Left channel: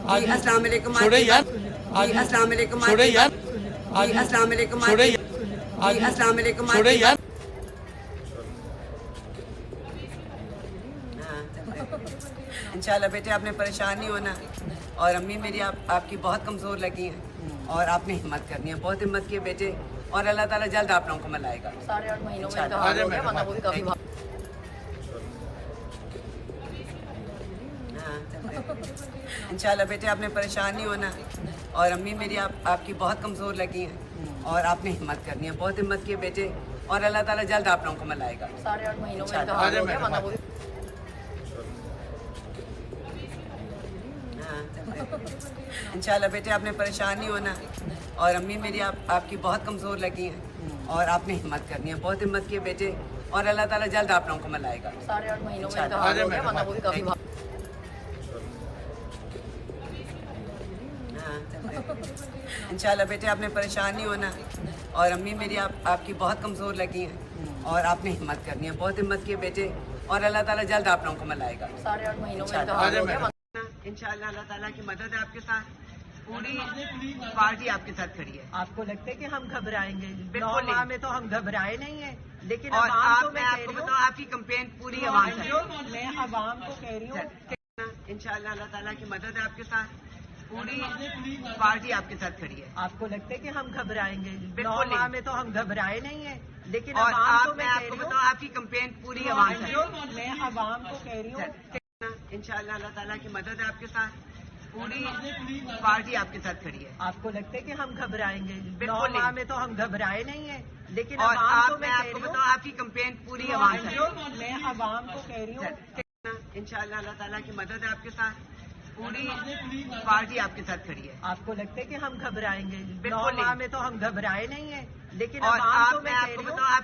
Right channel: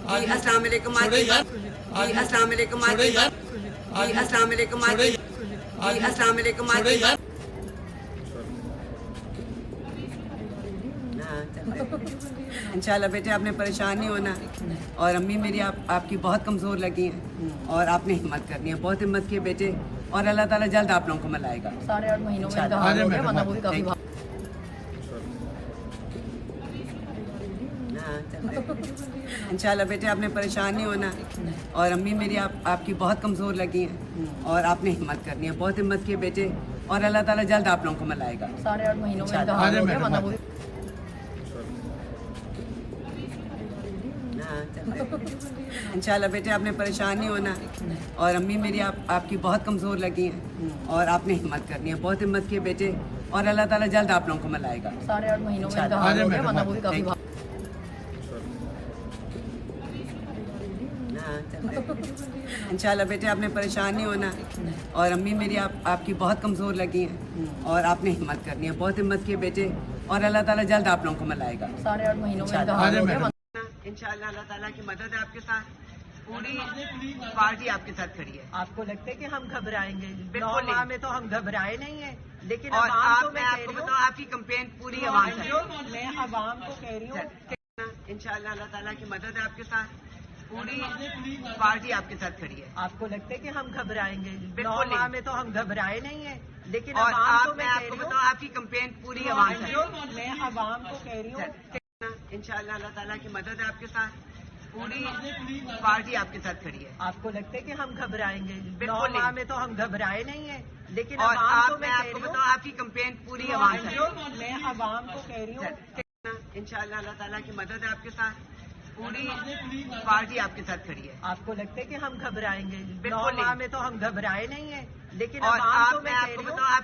جی السلام علیکم جی السلام علیکم جی السلام علیکم جی السلام علیکم انشاءاللہ بیٹے آپ نے پریشان نہیں ہونا، اور امی میری آپ کی بہت کمزور لگی ہیں، اور آپ نے ہمت کرنی ہے، بہت ہمت کی بیٹے، اور اللہ تعالیٰ جلد آپ لوگوں کو ملائے گا۔ 8.5 مہینوں میں انتہا ہو گیا، ورنہ وہ بھی کافی انشاءاللہ بیٹے آپ نے پریشان نہیں ہونا، اور امی میری آپ کی بہت کمزور لگی ہیں، اور آپ نے ہمت کرنی ہے، بہت ہمت کی بیٹے، اور اللہ تعالیٰ جلد آپ لوگوں کو ملائے گا۔ 8.5 مہینوں میں انتہا ہو گیا، ورنہ وہ بھی انشاءاللہ بیٹے آپ نے پریشان نہیں ہونا، اور امی میری آپ کی بہت کمزور لگی ہیں، اور آپ نے ہمت کرنی ہے، بہت ہمت کی بیٹے، اور اللہ تعالیٰ جلد آپ لوگوں کو ملائے گا۔ 8.5 مہینوں میں انتہا ہو گیا، ورنہ وہ بھی کافی انشاءاللہ بیٹے آپ نے پریشان نہیں ہونا، اور امی میری آپ کی بہت کمزور لگی ہیں، اور آپ نے ہمت کرنی ہے، بہت ہمت کی بیٹے، اور اللہ تعالیٰ جلد آپ لوگوں کو ملائے گا۔ 8.5 مہینوں میں انتہا ہو گیا، انشاءاللہ اللہ تعالیٰ کی مدد ہے آپ کے ساتھ، پوری پارٹی آپ کے ساتھ کھڑی ہے۔ آپ کو لگتا ہے کہ ہم گھبرائیں گے؟ 9 بالکل ماہ میں تو ہم گھبرائے نہیں ہیں، لیکن اور عوام کو میں آپ کو کہہ رہی بتاؤں آپ کی کمپین پوری عوام سے ہوں، میں عوام کو کہہ رہی ہوں انشاءاللہ اللہ تعالیٰ کی مدد ہے آپ کے ساتھ، پوری پارٹی آپ کے ساتھ کھڑی ہے۔ آپ کو لگتا ہے کہ ہم گھبرائیں گے؟ 9 بالکل ماہ میں تو ہم گھبرائے نہیں ہیں، لیکن اور عوام کو میں میں آپ کہہ کو رہی بتاؤں آپ کی کمپین پوری عوام سے ہوں میں عوام کو کہہ رہی ہوں انشاءاللہ اللہ تعالیٰ کی مدد ہے آپ کے ساتھ، پوری پارٹی آپ کے ساتھ کھڑی ہے۔ آپ کو لگتا ہے کہ ہم گھبرائیں گے؟ 9 بالکل ماہ میں تو ہم گھبرائے نہیں ہیں، لیکن اور عوام کو میں میں آپ کہہ کو رہی بتاؤں آپ کی کمپین پوری عوام سے ہوں میں عوام کو کہہ رہی ہوں انشاءاللہ اللہ تعالیٰ کی مدد ہے آپ کے ساتھ، پوری پارٹی آپ کے ساتھ کھڑی ہے۔ آپ کو لگتا ہے کہ ہم گھبرائیں گے؟ 9 بالکل ماہ میں تو ہم گھبرائے نہیں ہیں، لیکن اور عوام کو میں میں آپ کہہ کو رہی ہوں بتاؤں آپ